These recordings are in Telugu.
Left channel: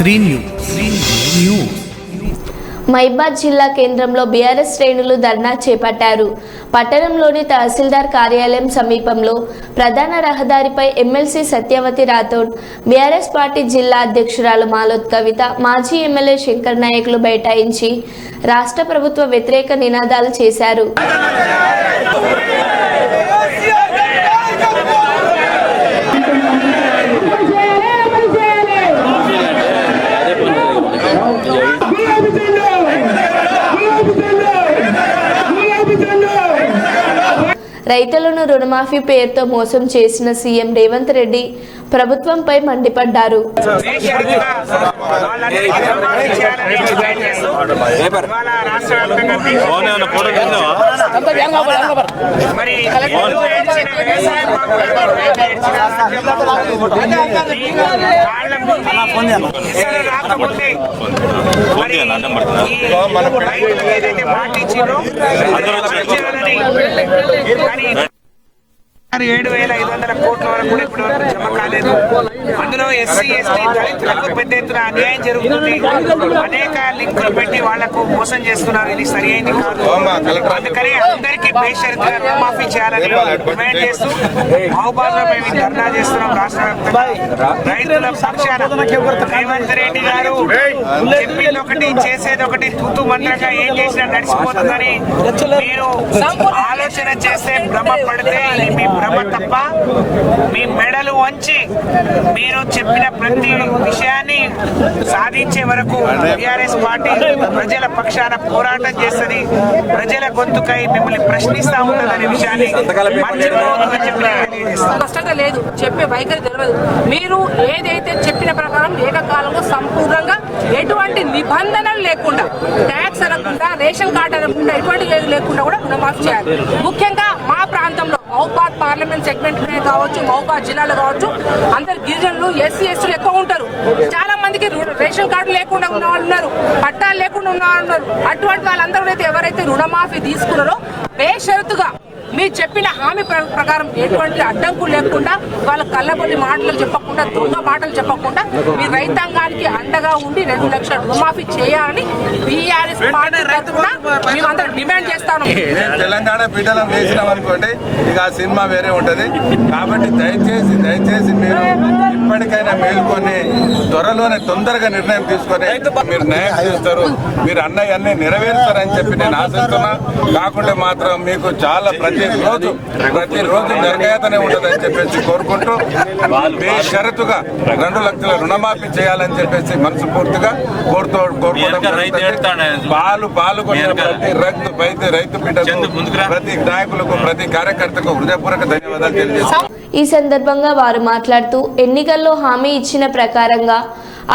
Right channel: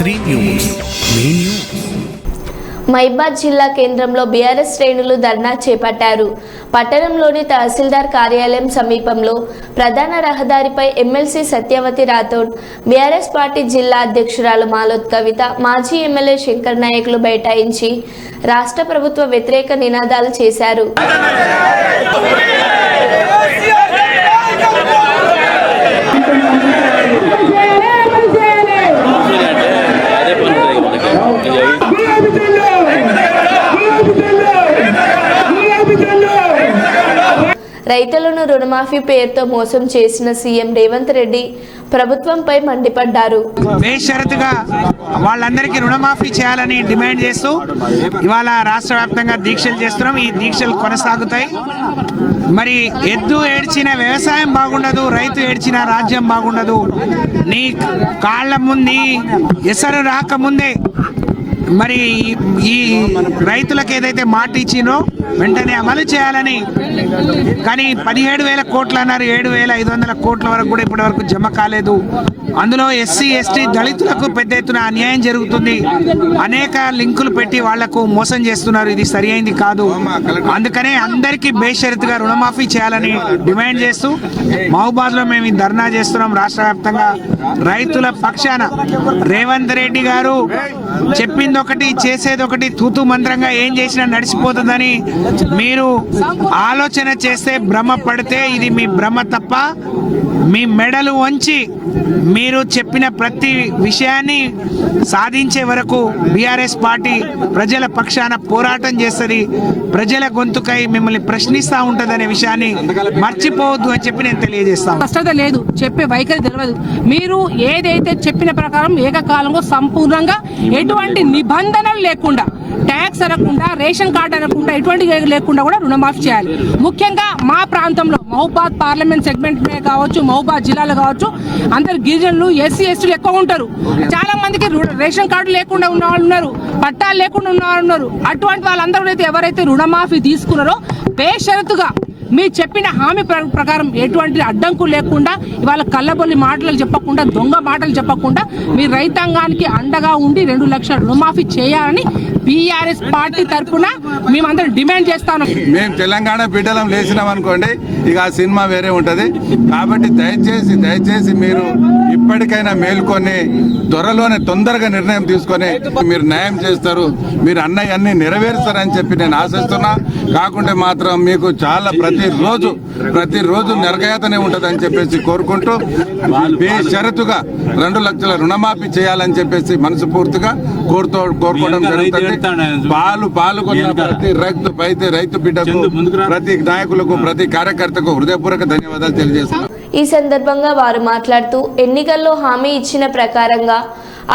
శ్రీ న్యూస్. మైబాద్ జిల్లా కేంద్రంలో బీఆర్ఎస్ శ్రేణులు ధర్నా చేపట్టారు. పట్టణంలోని తహసీల్దార్ కార్యాలయం సమీపంలో ప్రధాన రహదారిపై MLC Satyavathi Rathod BRS party జిల్లా అధ్యక్షురాలు మాలోత్ కవిత మాజీ ఎమ్మెల్యే శంకర్ నాయకులు బైఠాయించి రాష్ట్ర ప్రభుత్వ వ్యతిరేక నినాదాలు చేశారు. రైతులను రుణమాఫీ పేరుతో మోసం చేసిన సీఎం రేవంత్ రెడ్డి ప్రభుత్వంపై మండిపడ్డారు. వాళ్ళందరికీ రుణమాఫీ చేయాలని డిమాండ్ చేస్తూ ఇవాళ రాష్ట్ర వ్యాప్తంగా దీక్షలు చేస్తున్నాం. ఈ దీక్షలు కొనసాగుతాయి. మరి ఎద్దు ఏడ్చిన వ్యవసాయం బాగుండదు రైతు ఏడ్చిన రాజ్యం బాగుండదు. నీ కాళ్ళ ముందు ఎసరు రాకముందే మరి ఈ రైతులకు ఏదైతే మాట ఇచ్చినో వెంటనే అమలు చేయాలని. కానీ పదిహేడు వేల కోట్లు అన్నారు. ఏడు వేల ఐదు వందల కోట్ల వరకు కూడా ఇప్పటి వరకు జమ కాలేదు. అందులో ఎస్సీ ఎస్టీ దళితులకు పెద్ద ఎత్తున అన్యాయం జరుగుతుంది. అనేక లింకులు పెట్టి వాళ్ళకు మోసం చేస్తున్నారు. ఇది సరి అయింది కాదు. అందుకనే అందరికీ బేషరతుగా రుణమాఫీ చేయాలని డిమాండ్ చేస్తూ మహబాద్లో మేము ధర్నా చేస్తున్నాం. రాష్ట్ర వ్యాప్తంగా రైతుల పక్షాన. రేవంత్ రెడ్డి గారు చెప్పింది ఒకటి చేసేది ఒకటి తూతు మంత్రంగా ఏం చేసినా నడిచిపోతుందని మీరు ఆలోచన చేస్తే భ్రమ పడితే ఇది మీ భ్రమ తప్ప మీ మెడలు వంచి మీరు చెప్పిన ప్రతి విషయాన్ని సాధించే వరకు బీఆర్ఎస్ పార్టీ ప్రజల పక్షాన పోరాటం చేస్తుంది. ప్రజల గొంతుకై మిమ్మల్ని ప్రశ్నిస్తూ ఉంటుందనే విషయాన్ని మర్చిపోవద్దు అని చెప్పి నేను తెలియజేస్తాను స్పష్టత లేదు. చెప్పే వైఖరి తెలియదు మీరు ఏదైతే చెప్పిన ప్రకారం ఏకకాలంలో సంపూర్ణంగా ఎటువంటి నిబంధనలు లేకుండా ట్యాక్స్ అనకుండా రేషన్ కార్డు అనకుండా ఎటువంటి లేకుండా కూడా రుణమాఫీ చేయాలి. ముఖ్యంగా మా ప్రాంతంలో మహబాద్ పార్లమెంట్ సెగ్మెంట్ కావచ్చు మహబాద్ జిల్లాలో కావచ్చు అందరు గిరిజనులు ఎస్సీ ఎస్టీలు ఎక్కువ ఉంటారు. చాలా మందికి రేషన్ కార్డు లేకుండా ఉన్న వాళ్ళు ఉన్నారు పట్టాలు లేకుండా ఉన్న వాళ్ళు ఉన్నారు. అటువంటి వాళ్ళందరూ అయితే ఎవరైతే రుణమాఫీ తీసుకున్నారో బేషరతుగా మీరు చెప్పిన హామీ ప్ర- ప్రకారం ఎటువంటి అడ్డంకులు లేకుండా వాళ్ళ కళ్ళబొల్లి మాటలు చెప్పకుండా దొంగ మాటలు చెప్పకుండా మీ రైతాంగానికి అండగా ఉండి రెండు లక్షల రుణమాఫీ చేయాలని బీఆర్ఎస్ పార్టీ తరఫున మేమందరం డిమాండ్ చేస్తాను. మేము తెలంగాణ పీఠలం వేసినాం అనుకోండి ఇక ఆ సినిమా వేరే ఉంటది. కాబట్టి దయచేసి దయచేసి మీరు ఇప్పటికైనా మేల్కొని త్వరలోనే తొందరగా నిర్ణయం తీసుకొని మీరు న్యాయం చేస్తారు. మీరు అన్నయ్య అన్ని నెరవేరుస్తారని చెప్పి నేను ఆశిస్తున్నా. కాకుంటే మాత్రం మీకు చాలా ప్రతిరోజు ప్రతిరోజు నిరకయాతనే ఉంటుందని చెప్పేసి కోరుకుంటూ బేషరతుగా రెండు లక్షల రుణమాఫీ చేయాలని చెప్పేసి మనస్ఫూర్తిగా కోరుతూ కోరుకోవడం జరుగుతుంది. పాలు పాల్గొన్న ప్రతి రైతు రైతు రైతు బిడ్డకు ప్రతి నాయకులకు ప్రతి కార్యకర్తకు హృదయపూర్వక ధన్యవాదాలు తెలియజేస్తాను ఈ సందర్భంగా వారు మాట్లాడుతూ ఎన్నికల్లో హామీ ఇచ్చిన ప్రకారంగా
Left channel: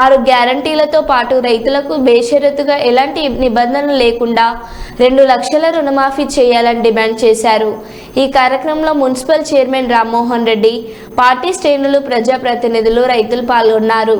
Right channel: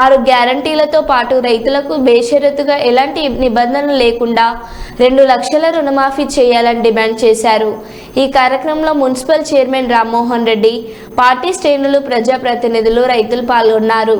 ఆరు గ్యారంటీలతో పాటు రైతులకు బేషరతుగా ఎలాంటి నిబంధనలు లేకుండా రెండు లక్షల రుణమాఫీ చేయాలని డిమాండ్ చేశారు. ఈ కార్యక్రమంలో municipal chairman Rammohan Reddy party శ్రేణులు ప్రజాప్రతినిధులు రైతులు పాల్గొన్నారు.